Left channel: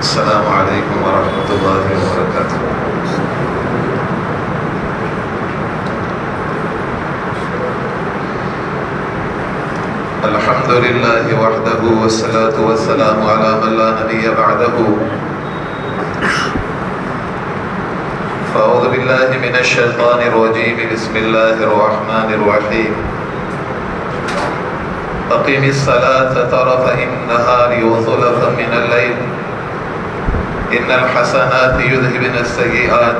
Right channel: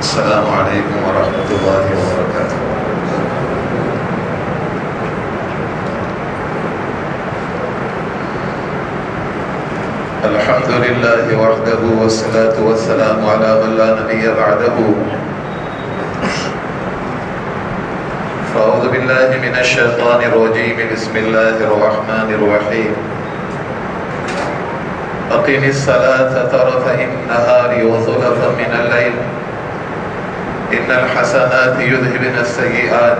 السلام علیکم ورحمۃ اللہ وبرکاتہ۔ الحمد للہ وحدہ والصلاة والسلام علی من لا نبی بعدہ۔ فاعوذ باللہ من الشیطان الرجیم، بسم اللہ الرحمن الرحیم۔ اقم الصلاة طرفي النہار وزلفا من اللیل ان الحسنات یذهبن السیئات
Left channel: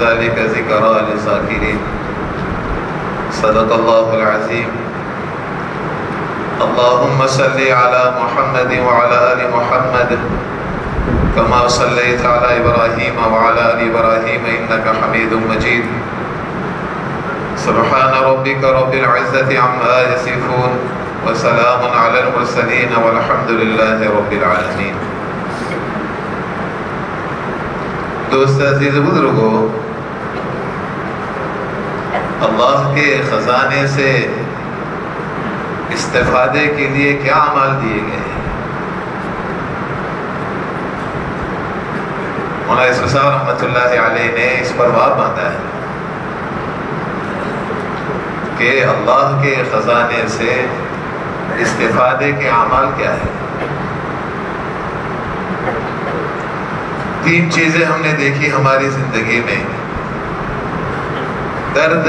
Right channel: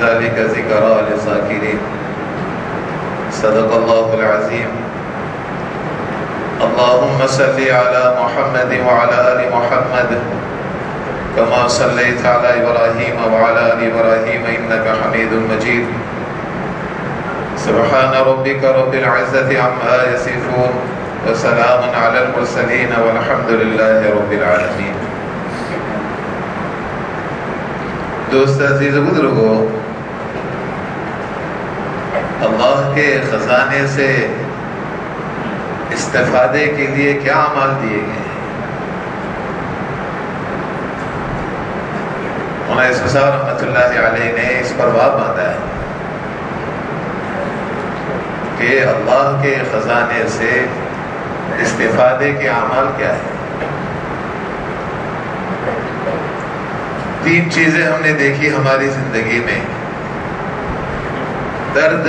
ذلك ذکری للذاکرین۔ صدق اللہ العظیم۔ اللهم صل على محمد وعلى آل محمد كما صليت على إبراهيم وعلى آل إبراهيم إنك حميد مجيد۔ سبحان ربك رب العزة عما يصفون وسلام على المرسلين والحمد لله رب العالمين۔ دوست عزیز بزرگو، اللہ کے خزانے سے استفادے کے لیے کیا اعمال دیے گئے ہیں؟ مولانا یوسف صاحب رحمۃ اللہ علیہ نے اس پر باب باندھا ہے کہ اللہ کے خزانے سے استفادے کے اعمال کیا ہے۔ تین چیزیں ہم نے دیکھی ہماری زندگی میں: درد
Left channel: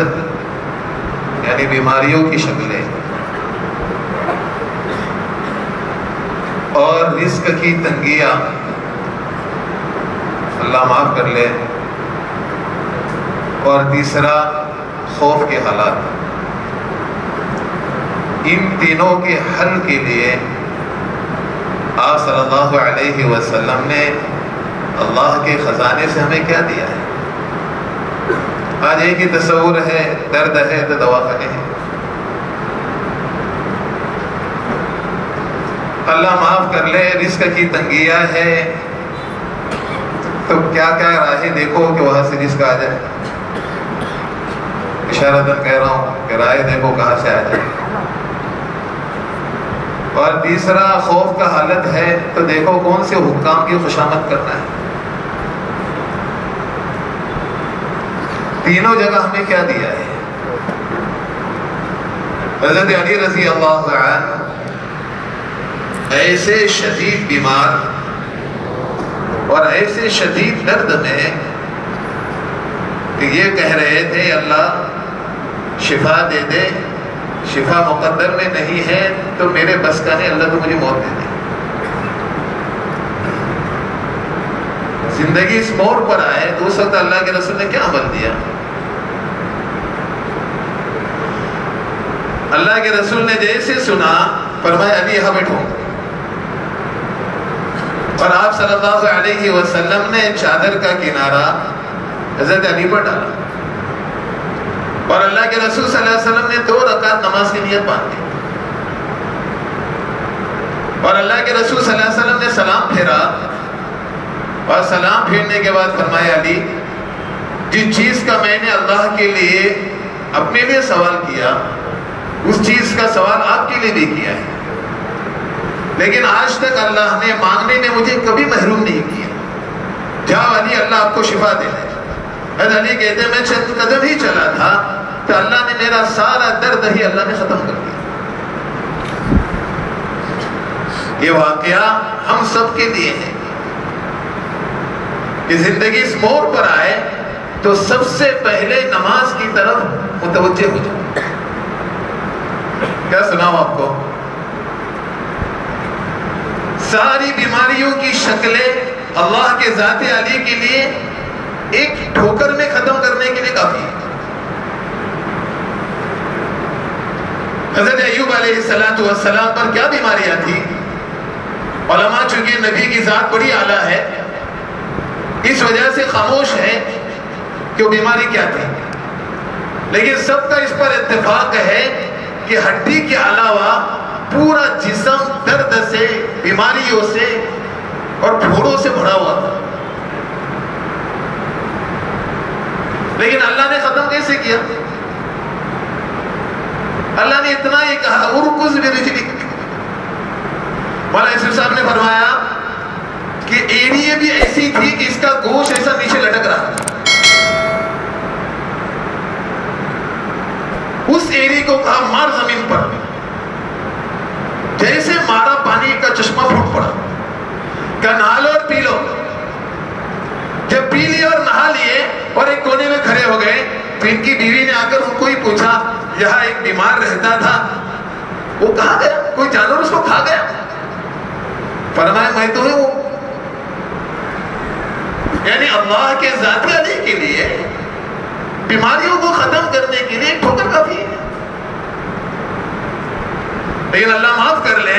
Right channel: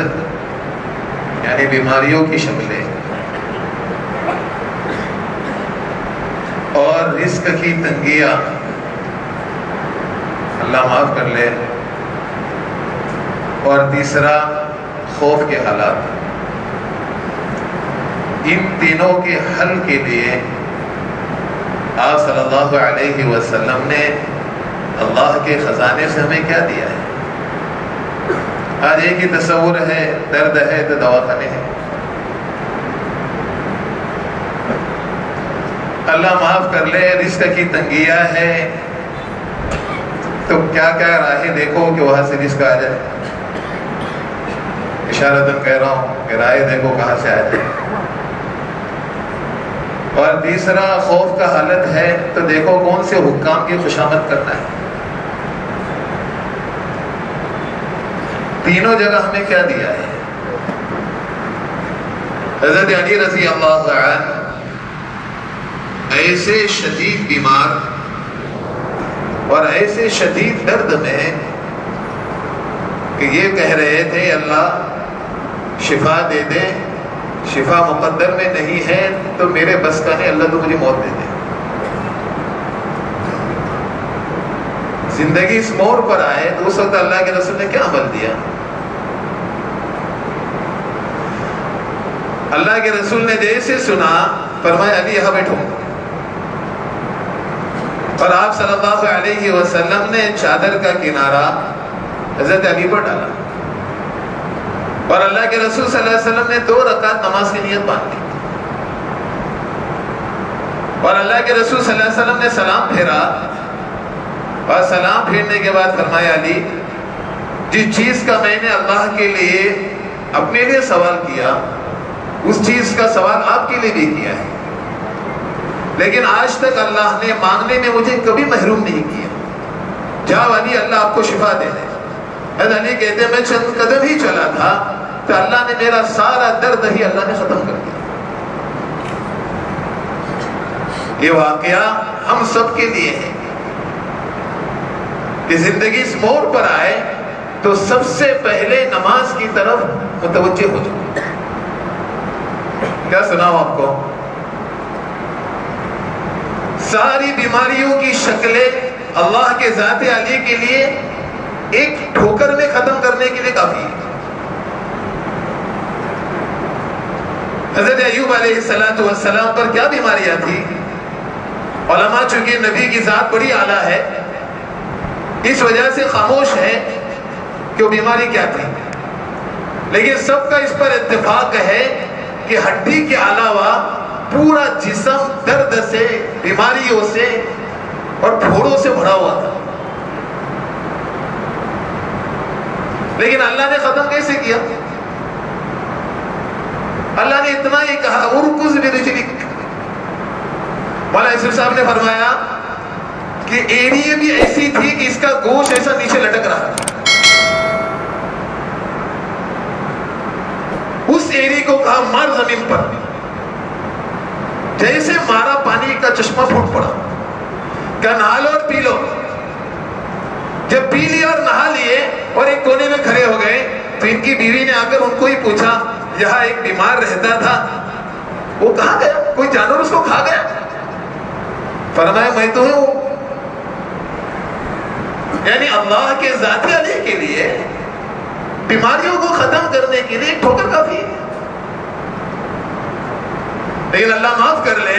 یعنی بیماریوں کی شکلیں، اور رزق کی تنگیاں، اللہ معاف کر لے، اور تیسرا خوف کے حالات۔ ان تینوں کے حل کے لیے آپ صلی اللہ علیہ وسلم نے اللہ کے خزانے سے ہمیں کیا دیا ہے؟ آج ایک ہی تصور ہے، درد ہے تو دواخانے ہیں، اللہ معاف کر لے رزق کی تنگیاں ہے تو کیا کیا راہیں دیکھو کہ وہاں سے رزق آ جائے۔ اشارتاً کہہ رہا ہوں کہ راہیں دیکھو کہاں سے آ جائے۔ اور تیسرا خوف کا حالت ہے تو دیکھو کون سے حکام کی خوشامد کرنا ہے۔ تینوں جگہ ہمیں کیا دیا ہے؟ حضرت علی رضی اللہ عنہ ایسے شدید بیمار اور ایسے شدید درد میں کہ یہ کہہ رہے تھے اللہ شفا دے دے، شفا مقدر میں نہیں ہے تو میرے بس کا نہیں، اللہ تو مجھے موت دے دے۔ زندگی اس موڑ پر آئے تو اس وقت اللہ کے رسول نے کیا عمل دیا؟ اللہ کے رسول نے جیسے سنا فرمایا علی یہاں بیٹھو، اور آپ صلی اللہ علیہ وسلم نے چادر کا کنارہ حضرت علی پر ڈالا، اور اللہ کے رسول صلی اللہ علیہ وسلم نے 2 رکعت نماز کی نیت باندھی، اور اللہ کے رسول صلی اللہ علیہ وسلم نے سلام پھیرا، اور سلام پھیرنے کے بعد فرمایا علی جس چیز کا میں نے اللہ کے لیے اپنے لیے سوال کیا اس چیز کا سوال آپ کے لیے بھی کیا ہے، لیکن آج تک اللہ نے مانگنے میں مجھے کبھی محروم نہیں کیا۔ جاؤ علی اللہ آپ کو شفا دے دے۔ حضرت علی کہتے ہیں میں چند قدم ہی چلا تھا تو اللہ نے میرا سارا درد ہی اللہ نے ختم کر دیا۔ یہ واقعہ ہم سب کے لیے ہے کہ زندگی اس موڑ پر آئے تو سب سے پہلے نماز کی طرف متوجہ ہو جائے۔ کیا سناؤں آپ کو؟ ساری بیماریوں کی شکلیں اللہ کے ذات علی کے لیے ایک ٹھوکر میں ختم کرنے کے لیے کافی ہے۔ حضرت ایوب علیہ السلام پر کیا بیماریاں تھی؟ علماء چونکہ نبی کی ذات بڑی اعلیٰ ہے اس وجہ سے خاموش ہے کہ وہ بیماری کیا تھی، لیکن سب کا اس پر اتفاق ہے کہ ہڈی کے علاوہ پورا جسم درد سے، بیماریوں سے اور پھوڑوں سے بھرا ہوا تھا، لیکن اللہ نے ختم کیسے کیا؟ اللہ نے اتنا ہی کہا ارکض برجلک۔ مولانا یوسف صاحب نے فرمایا کہ ایڑی بھی ایسی تھی کہ اس کا گوشت ایسا نیچے لٹک رہا تھا. اس ایڑی کو کہا مار زمین پر. جیسے مارا پانی کا چشمہ پھوٹ پڑا. کہا نہا لو اور پی لو. جب پی لیا اور نہا لیے اور ایک کونے میں کھڑے ہو گئے تو ان کی بیوی نے آ کر ان کو ہی پوچھا یہاں ایک بیمار رہتا تھا وہ کہاں گیا؟ کوئی جانور اس کو کھا گیا؟ فرمایا میں تو ہوں. یعنی اللہ کے ذاتی علی کے لیے بیماریوں کو ختم کرنے کے لیے ایک ٹھوکر کافی ہے. لیکن اللہ معاف کر لے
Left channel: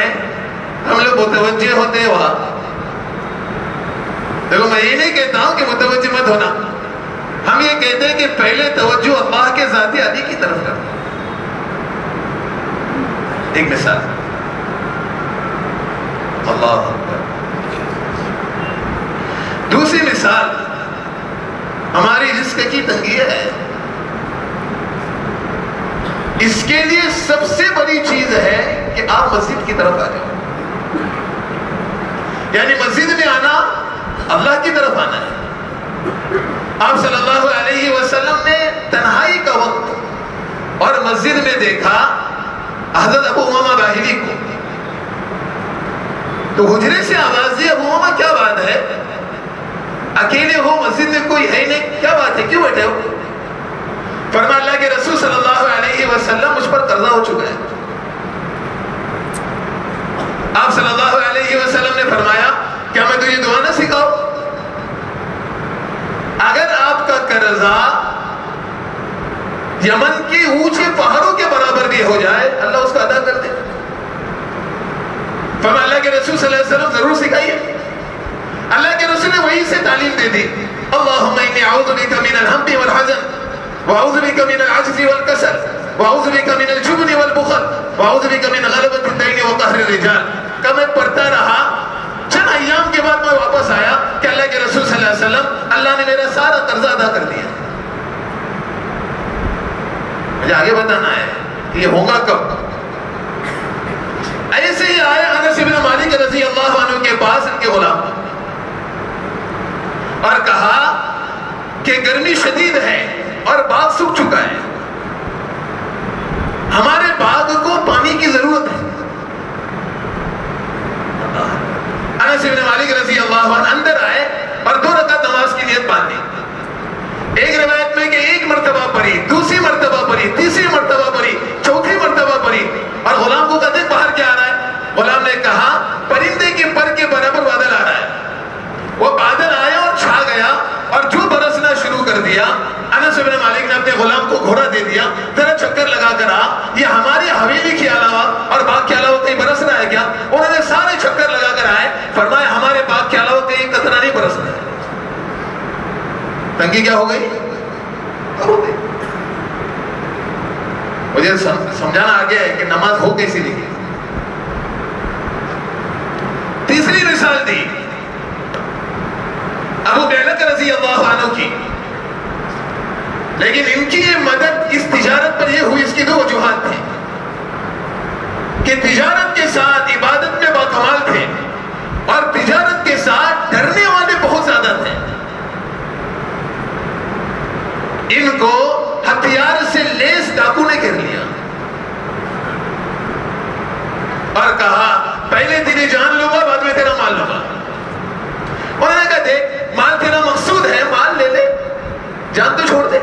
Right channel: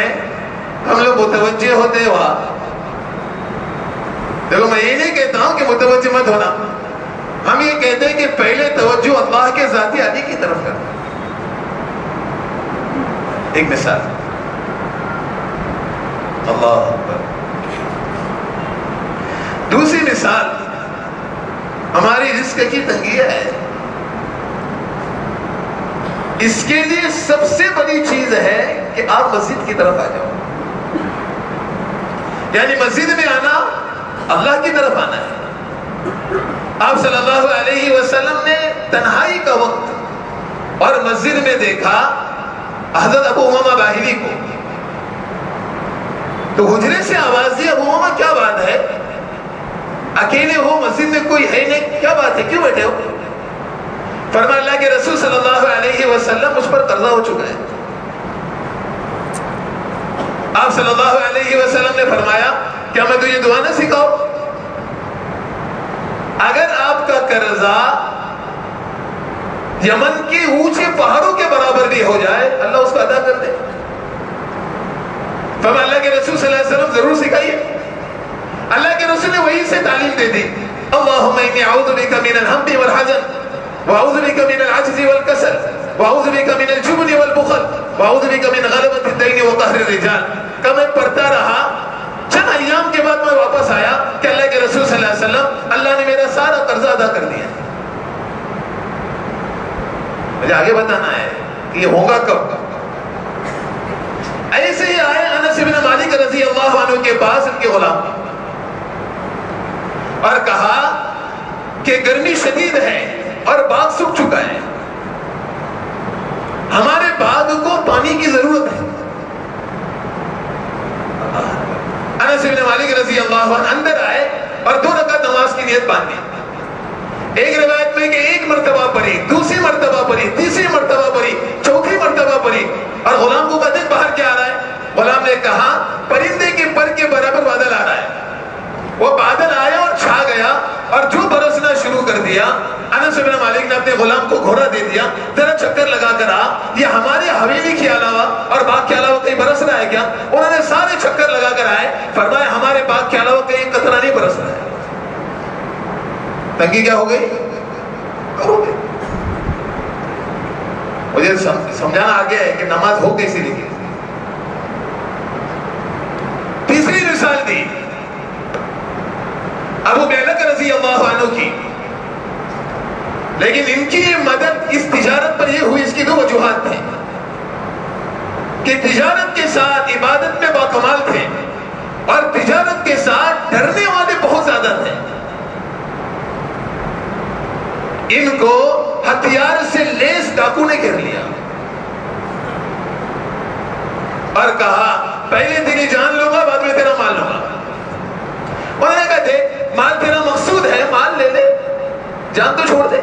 ہم لوگ متوجہ ہوتے ہوا. دیکھو میں یہ نہیں کہتا ہوں کہ متوجہ مت ہونا. ہم یہ کہتے ہیں کہ پہلے توجہ اللہ کے ذاتی علی کی طرف کرنا. ایک مثال اللہ اکبر. دوسری مثال ہماری رزق کی تنگی ہے. اس کے لیے سب سے بڑی چیز ہے کہ آپ مسجد کی طرف آ جاؤ. یعنی مسجد میں آنا اللہ کی طرف آنا ہے. آپ صلی اللہ علیہ وسلم نے تنہائی کا وقت اور مسجد میں دیکھا حضرت ابو امامہ باہلی کو. تو حجرے سے آواز دی ابو امامہ کیا بات ہے؟ اکیلے ہو مسجد میں کوئی ہے نہیں, کیا بات ہے کیوں بیٹھے ہو؟ فرمایا اللہ کے رسول صلی اللہ علیہ وسلم مجھ پر قرضہ ہو چکا ہے. آپ صلی اللہ علیہ وسلم نے فرمایا کیا میں تجھے دعا نہ سکھاؤں؟ اگر آپ کا قرضہ یمن کے اونچے پہاڑوں کے برابر بھی ہو جائے اللہ اس کو ادا کر دے. فرمایا اللہ کے رسول صلی اللہ علیہ وسلم ضرور سکھائیے. اللہ کے رسول نے وہی سے تعلیم دے دی. اللہم انی اعوذ بک من الہم والحزن واعوذ بک من العجز والکسل واعوذ بک من الجبن والبخل واعوذ بک من غلبۃ الدین وقہر الرجال. کہ میں پڑھتا رہا. چند ایام کے بعد میں واپس آیا کہ اللہ کے رسول صلی اللہ علیہ وسلم اللہ نے میرا سارا قرضہ ادا کر دیا. مجھے آگے بتانا ہے کہ یہ ہوگا کب. ایسے ہی آئے انس بن مالک رضی اللہ عنہ کے پاس ان کے غلام اور کہا کہ گرمی شدید ہے اور باغ سوکھ چکا ہے, ہمارے باغ کو پانی کی ضرورت ہے. انس بن مالک رضی اللہ عنہ اندر آئے اور 2 رکعت نماز کی نیت باندھی. ایک روایت میں کہ 1 مرتبہ پڑھی, دوسری مرتبہ پڑھی, تیسری مرتبہ پڑھی, چوتھی مرتبہ پڑھی. اور غلام کو کہتے باہر کیا آ رہا ہے؟ غلام نے کہا پرندے کے پر کے برابر بادل آ رہا ہے. وہ بادل آیا اور چھا گیا اور جو برسنا شروع کر دیا. انس بن مالک نے اپنے غلام کو گھوڑا دے دیا, ذرا چکر لگا کر آ, یہ ہمارے حویلی کے علاوہ اور باغ کے علاوہ کہیں برس رہا ہے کیا؟ انہوں نے سارے چکر لگا کر آئے. فرمایا ہمارے باغ کے علاوہ کہیں قطرہ نہیں برس رہا ہے. تنگی کیا ہو گئی؟ ہو گئی. مجھے سمجھانا آ گیا ہے کہ نماز ہو کیسی لکھی. تیسری مثال دی ابو بیلک رضی اللہ عنہ کی. لیکن ان کی یہ مدد اس تجارت پر یہ ہوئی, اس کی 2 وجوہات تھیں کہ تجارت کے ساتھ عبادت میں باکمال تھے اور تجارت کے ساتھ ڈرنے والے بہت زیادہ تھے. ان کو ہتھیار سے لیس ڈاکو نے گھیر لیا اور کہا پہلے تیری جان لوں گا بعد میں تیرا مال لوں گا. انہوں نے کہا دیکھ مال تیرا مقصود ہے, مال لے لے, جان تو چھوڑ دے.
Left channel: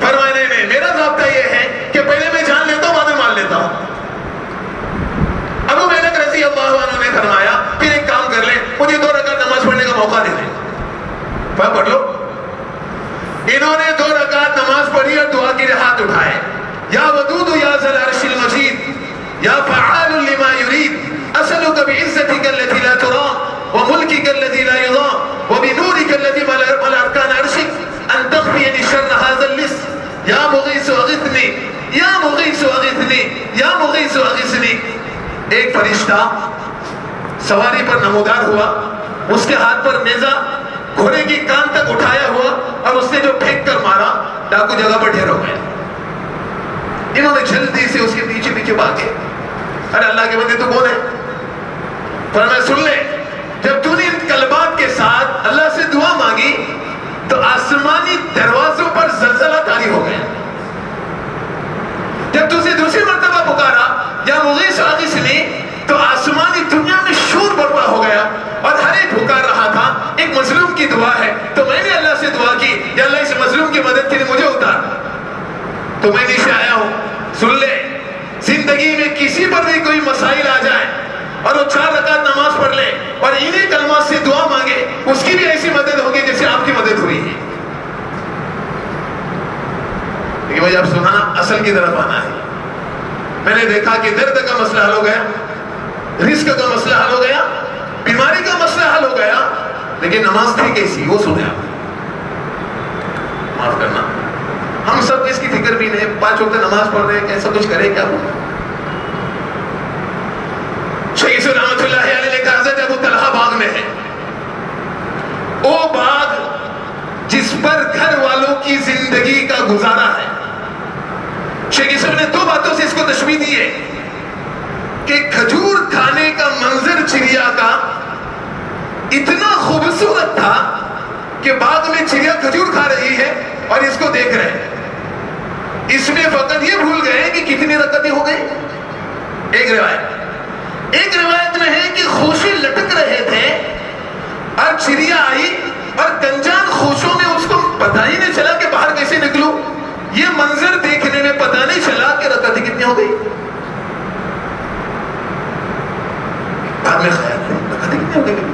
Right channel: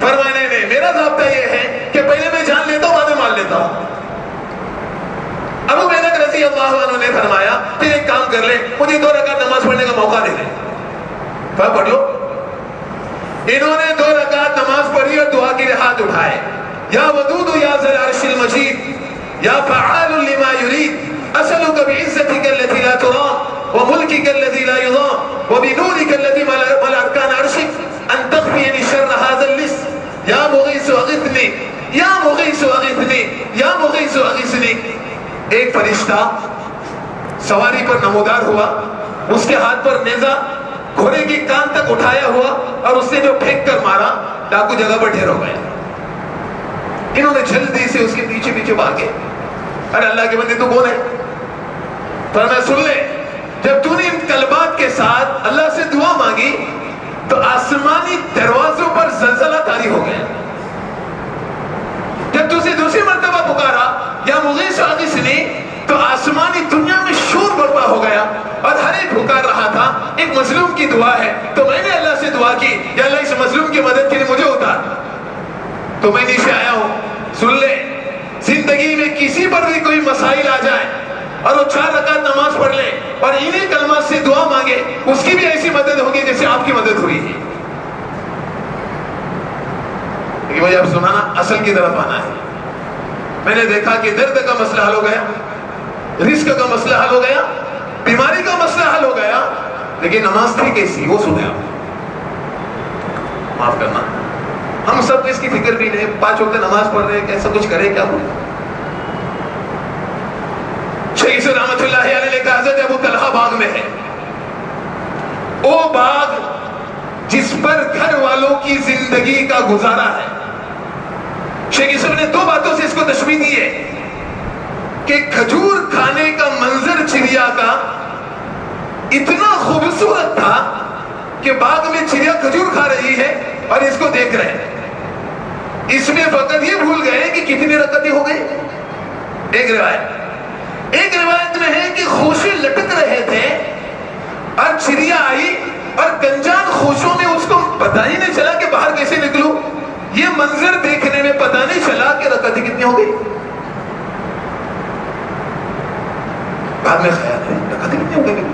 فرمایا نہیں, میرا ضابطہ یہ ہے کہ پہلے میں جان لیتا ہوں بعد میں مال لیتا ہوں. ابو بیلک رضی اللہ عنہ نے فرمایا پھر ایک کام کر لے, مجھے 2 رکعت نماز پڑھنے کا موقع دے دے. پڑھ لو. انہوں نے 2 رکعت نماز پڑھی اور دعا کے لیے ہاتھ اٹھائے. یا ودود یا ذل عرش المجید یا فعال لما يريد اسألك بعزتك التي لا ترام وملكك الذي لا يضام وبنورك الذي ملأ اركان عرشك ان تخفيني شر هذا اللص یا مغیث اغثنی یا مغیث اغثنی یا مغیث اغثنی. ایک فرشتہ سواری پر نمودار ہوا, اس کے ہاتھ پر نیزہ گھوڑے کی کان تک اٹھایا ہوا اور اس نے جو پھینک کر مارا ڈاکو جگہ پر ڈھیر ہو گئے. انہوں نے جلدی سے اس کے پیچھے پیچھے بھاگے. ارے اللہ کے بندے تو کون ہے؟ فرمایا سن لے, جب تو نے ان کلمات کے ساتھ اللہ سے دعا مانگی تو آسمانی دروازوں پر زلزلہ طاری ہو گیا. جب تو اسے دوسری مرتبہ پکارا یا مغیث اغثنی تو آسمانی دنیا میں شور برپا ہو گیا اور ہر ایک پکار رہا تھا ایک مظلوم کی دعا ہے. تو میں نے اللہ سے دعا کی یا اللہ اس مظلوم کی مدد کے لیے مجھے اتار. تو میں نیچے آیا ہوں. سن لے, زندگی میں کسی پر بھی کوئی مسائل آ جائے اور وہ 4 رکعت نماز پڑھ لے اور انہیں کلمات سے دعا مانگے, اس کی بھی ایسی مدد ہوگی جیسے آپ کی مدد ہوئی ہے. لیکن بھائی اب سنانا اصل کی طرف آنا ہے. میں نے دیکھا کہ درد کا مسئلہ حل ہو گیا, رزق کا مسئلہ حل ہو گیا, بیماری کا مسئلہ حل ہو گیا, لیکن نماز تھی کیسی وہ سنے آپ. معاف کرنا, ہم سب کو اس کی فکر بھی نہیں. 5 وقت نماز پڑھ رہے ہیں, ایسا کچھ کرے کیا بولے. شیخ یوسف رحمۃ اللہ علیہ نے کہا حضرت ابو طلحہ باغ میں ہے, وہ باغ جس پر گھر والوں کی زندگی کا گزارا ہے. شیخ یوسف نے 2 باتوں سے اس کو تشبیہ دی ہے کہ کھجور کھانے کا منظر چڑیا کا اتنا خوبصورت تھا کہ باغ میں چڑیا کھجور کھا رہی ہے اور اس کو دیکھ رہے ہیں. اس میں فقط یہ بھول گئے کہ کتنی رکعتیں ہو گئی. ایک روایت میں ہے کہ خوشی لٹک رہے تھے اور چڑیا آئی اور گنجان خوشوں میں اس کو پتہ ہی نہیں چلا کہ باہر کیسے نکلوں. یہ منظر دیکھنے میں پتہ نہیں چلا کہ رکعتیں کتنی ہو گئی. بعد میں خیال ہے رکعتیں کتنی ہو گئی.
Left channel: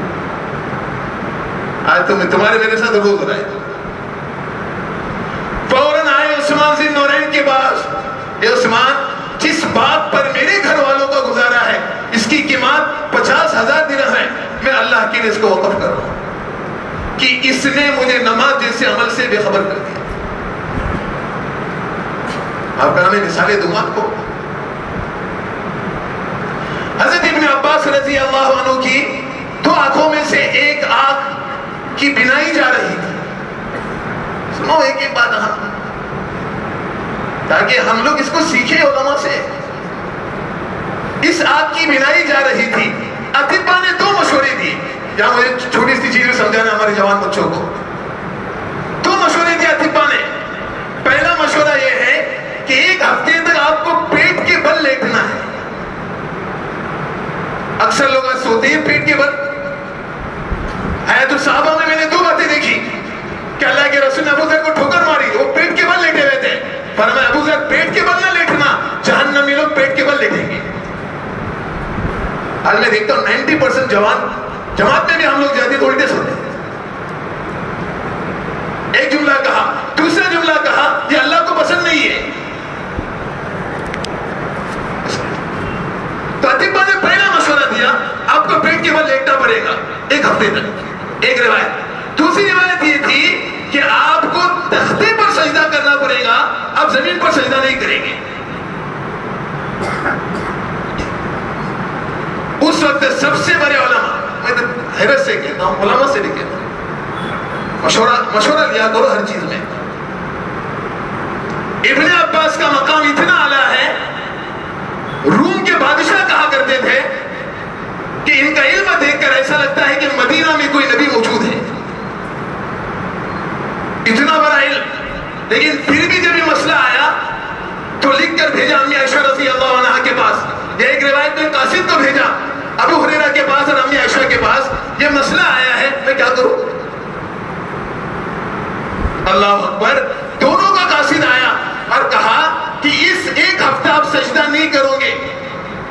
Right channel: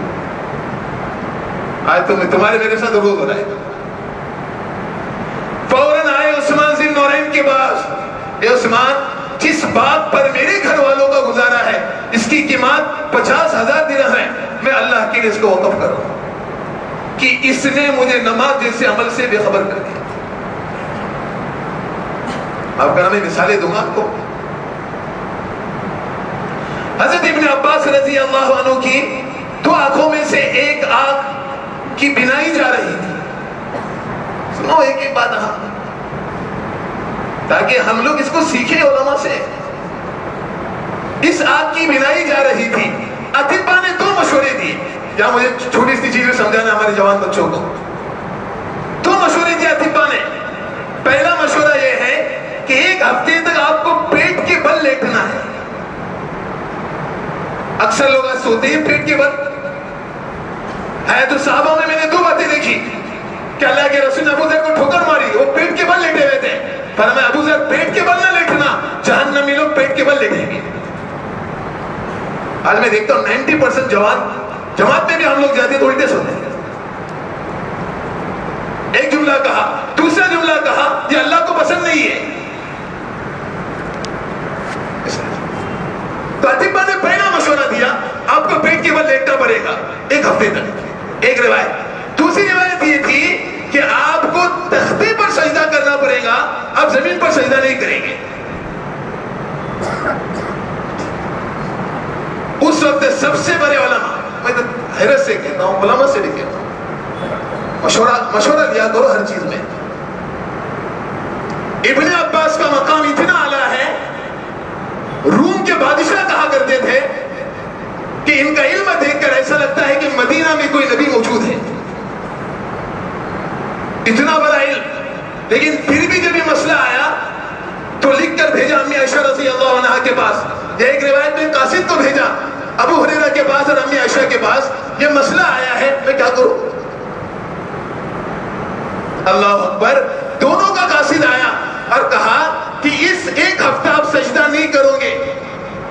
آج تمہارے میرے ساتھ روز ہو رہا ہے. فوراً آئے عثمان ذی النورین کے پاس, اے عثمان جس باغ پر میرے گھر والوں کا گزارا ہے اس کی قیمت 50,000 درہم ہے, میں اللہ کے لیے اس کو وقف کر رہا ہوں کہ اس نے مجھے نماز جیسے عمل سے بے خبر کر دیا. آپ کا نام میں مثالیں دوں گا آپ کو. حضرت ابن عباس رضی اللہ عنہ کی 2 آنکھوں میں سے ایک آنکھ کی بینائی جا رہی تھی. سنو ایک بات تاکہ ہم لوگ اس کو سیکھیں علماء سے. اس آنکھ کی بینائی جا رہی تھی. اطباء نے 2 مشورے دیے. یہاں مجھے چھوٹی سی چیز سمجھانا ہمارے جوان بچوں کو. 2 مشورے دیے اطباء نے. پہلا مشورہ یہ ہے کہ 1 ہفتے تک آپ کو پیٹ کے بل لیٹنا ہے. اکثر لوگ سوتے ہیں پیٹ کے بل. ہے تو صحابہ میں نے 2 باتیں دیکھی کہ اللہ کے رسول نے ابو ذر کو ٹھوکر ماری, وہ پیٹ کے بل لیٹے ہوئے تھے. فرمایا ابو ذر پیٹ کے بل نہ لیٹنا, جہنمی لوگ پیٹ کے بل لیٹیں گے. آج میں دیکھتا ہوں 90% جوان جماعت میں بھی ہم لوگ جاتے تو الٹے سوتے ہیں. ایک جملہ کہا, دوسرا جملہ کہا یہ اللہ کو پسند نہیں ہے. تو اطباء نے پہلا مشورہ دیا آپ کو پیٹ کے بل لیٹنا پڑے گا 1 ہفتے تک. ایک روایت. دوسری روایت یہ تھی کہ آپ کو تختے پر سجدہ کرنا پڑے گا, آپ زمین پر سجدہ نہیں کریں گے. اس وقت سب سے بڑے علماء, میں حیرت سے کہتا ہوں علماء سے بھی کہتا ہوں, مشورہ لیا کرو ہر چیز میں. ابن عباس کا مقام اتنا اعلیٰ ہے, روم کے بادشاہ کہا کرتے تھے کہ ان کا علم دیکھ کر ایسا لگتا ہے کہ مدینہ میں کوئی نبی موجود ہے. اتنا بڑا علم. لیکن پھر بھی جب یہ مسئلہ آیا تو لکھ کر بھیجا امی عائشہ رضی اللہ عنہا کے پاس. یہ ایک روایت میں قاسم کو بھیجا ابو ہریرہ کے پاس اور امی عائشہ کے پاس, یہ مسئلہ آیا ہے میں کیا کروں. اللہ اکبر. دونوں کا قاصد آیا اور کہا کہ اس 1 ہفتہ آپ سجدہ نہیں کرو گے,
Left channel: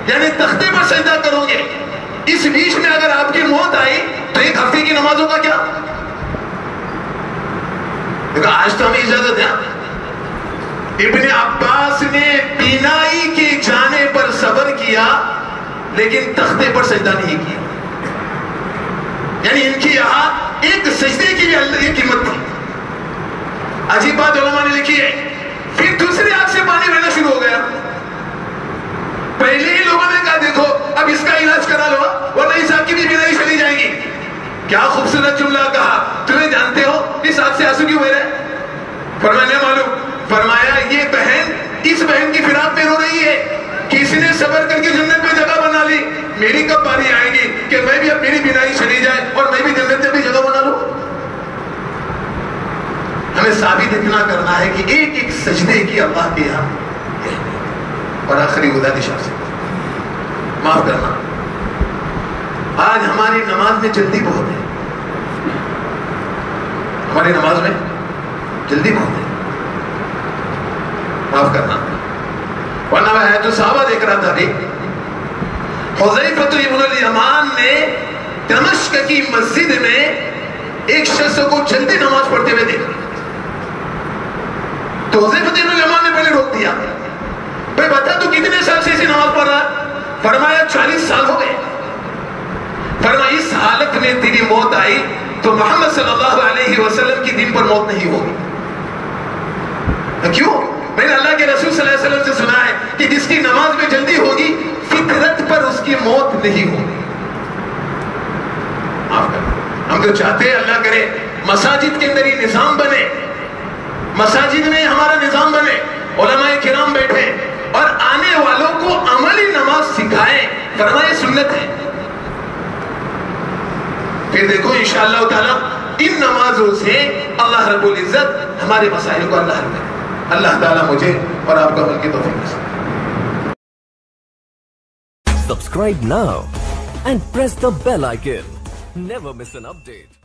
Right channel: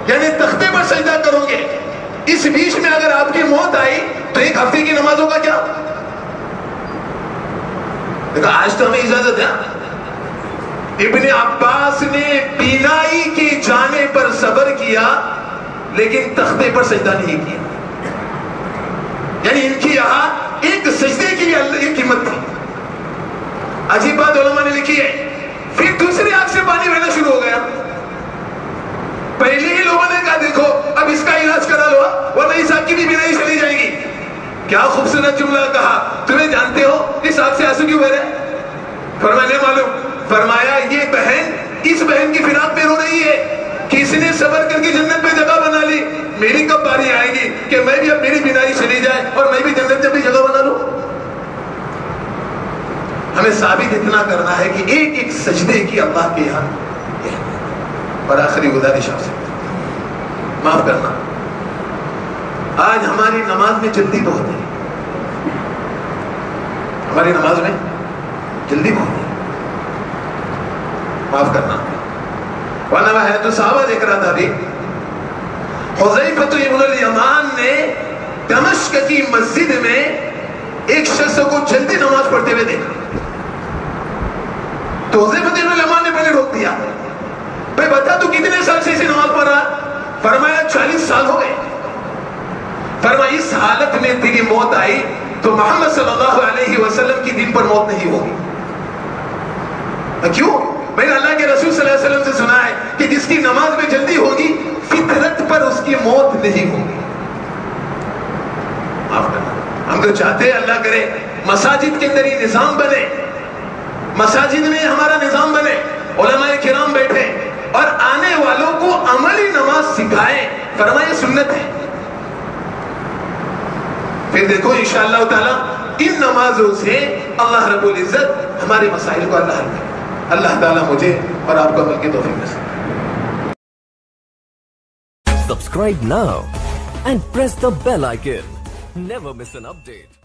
یعنی تختے پر سجدہ کرو گے. اس بیچ میں اگر آپ کی موت آئی تو 1 ہفتے کی نمازوں کا کیا. آج تو ہمیں اجازت ہے. ابن عباس نے بینائی کے جانے پر صبر کیا لیکن تختے پر سجدہ نہیں کیا. یعنی ان کی یہاں ایک سجدے کی یہ قیمت تھی. عجیب بات علماء نے لکھی ہے. پھر دوسری آنکھ سے پانی بہنا شروع ہو گیا. پہلے ہی لوگوں نے کہا دیکھو اب اس کا علاج کرا لو ورنہ اس آنکھ کی بھی بینائی چلی جائے گی. کیا خوبصورت جملہ کہا. تمہیں جانتے ہو اس آنکھ سے آنسو کیوں بہ رہے. فرمایا نہیں معلوم. فرمایا یہ بہن اس بہن کی فراق میں رو رہی ہے کسی نے صبر کر کے جنت میں جگہ بنا لی، میری کب باری آئے گی کہ میں بھی اب میری بینائی چلی جائے اور میں بھی جنت میں بھی جگہ بنا لوں؟ ہمیں ثابت اتنا کرنا ہے کہ ایک ایک سجدے کی اللہ کے یہاں اور آخری گزارش آپ سے معاف کرنا، آج ہماری نماز میں جلدی بہت ہے، ہماری نماز میں جلدی بہت ہے، معاف کرنا، ورنہ وہ ہے تو صحابہ دیکھ رہا تھا ابھی، حذیفہ ابن الیمان نے دمشق کی مسجد میں ایک شخص کو جلدی نماز پڑھتے ہوئے دیکھا، تو حذیفہ ابن الیمان نے پہلے روک دیا، بھئی بتا تو کتنے سال سے اسے نماز پڑھ رہا؟ فرمایا 40 سال ہو گئے۔ فرمایا اس حالت میں تیری موت آئی تو محمد صلی اللہ علیہ وسلم کی دین پر موت نہیں ہوگی۔ کیوں؟ میں نے اللہ کے رسول صلی اللہ علیہ وسلم سے سنا ہے کہ جس کی نماز میں جلدی ہوگی فطرت پر اس کی موت نہیں ہوگی۔ معاف کرنا، ہم تو چاہتے ہیں اللہ کرے مساجد کے اندر یہ نظام بنے، مساجد میں ہمارا نظام بنے، علماء کرام بیٹھے اور آنے والوں کو عملی نماز سکھائیں، فرمائے سنت ہے۔ پھر دیکھو انشاءاللہ تعالی ان نمازوں سے اللہ رب العزت ہمارے مسائل کو اللہ حل کرے۔ اللہ تعالیٰ مجھے اور آپ کو عمل کی توفیق نصیب کرے۔ Subscribe now and press the bell icon. Never miss an update.